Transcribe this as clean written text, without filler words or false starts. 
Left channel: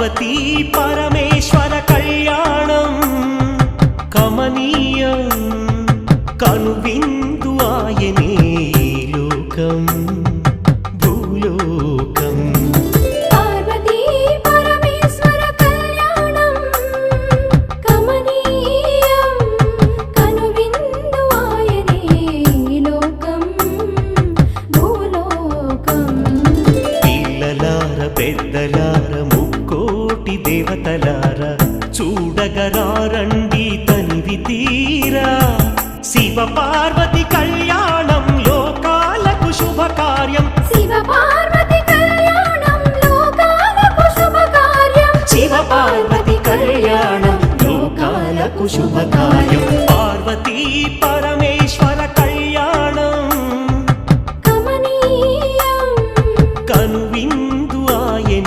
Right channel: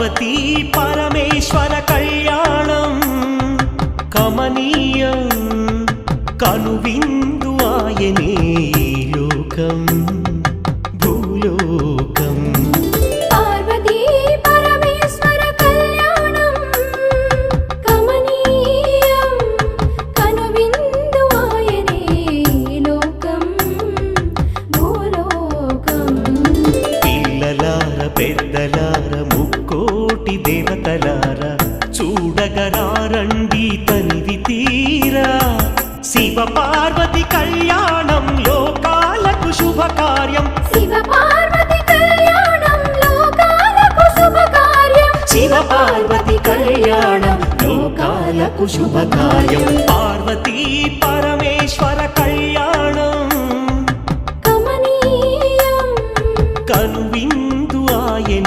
పార్వతీ పరమేశ్వర కళ్యాణం కమనీయం కనువిందు ఆయనే ఈ లోకం భూలోకం పార్వతీ పరమేశ్వర కళ్యాణం కమనీయం కనువిందు ఆయనే ఈ లోకం భూలోకం పిల్లలార పెద్దలార ముక్కోటి దేవతలార చూడగరారండి తనివి తీరా శివ పార్వతి కళ్యాణం లోకాలకు శుభకార్యం శివ పార్వతి కళ్యాణం లోకాలకు శుభకార్యం శివ పార్వతి కళ్యాణం లోకాలకు శుభకార్యం పార్వతీ పరమేశ్వర కళ్యాణం కమనీయం కనువిందు ఆయనే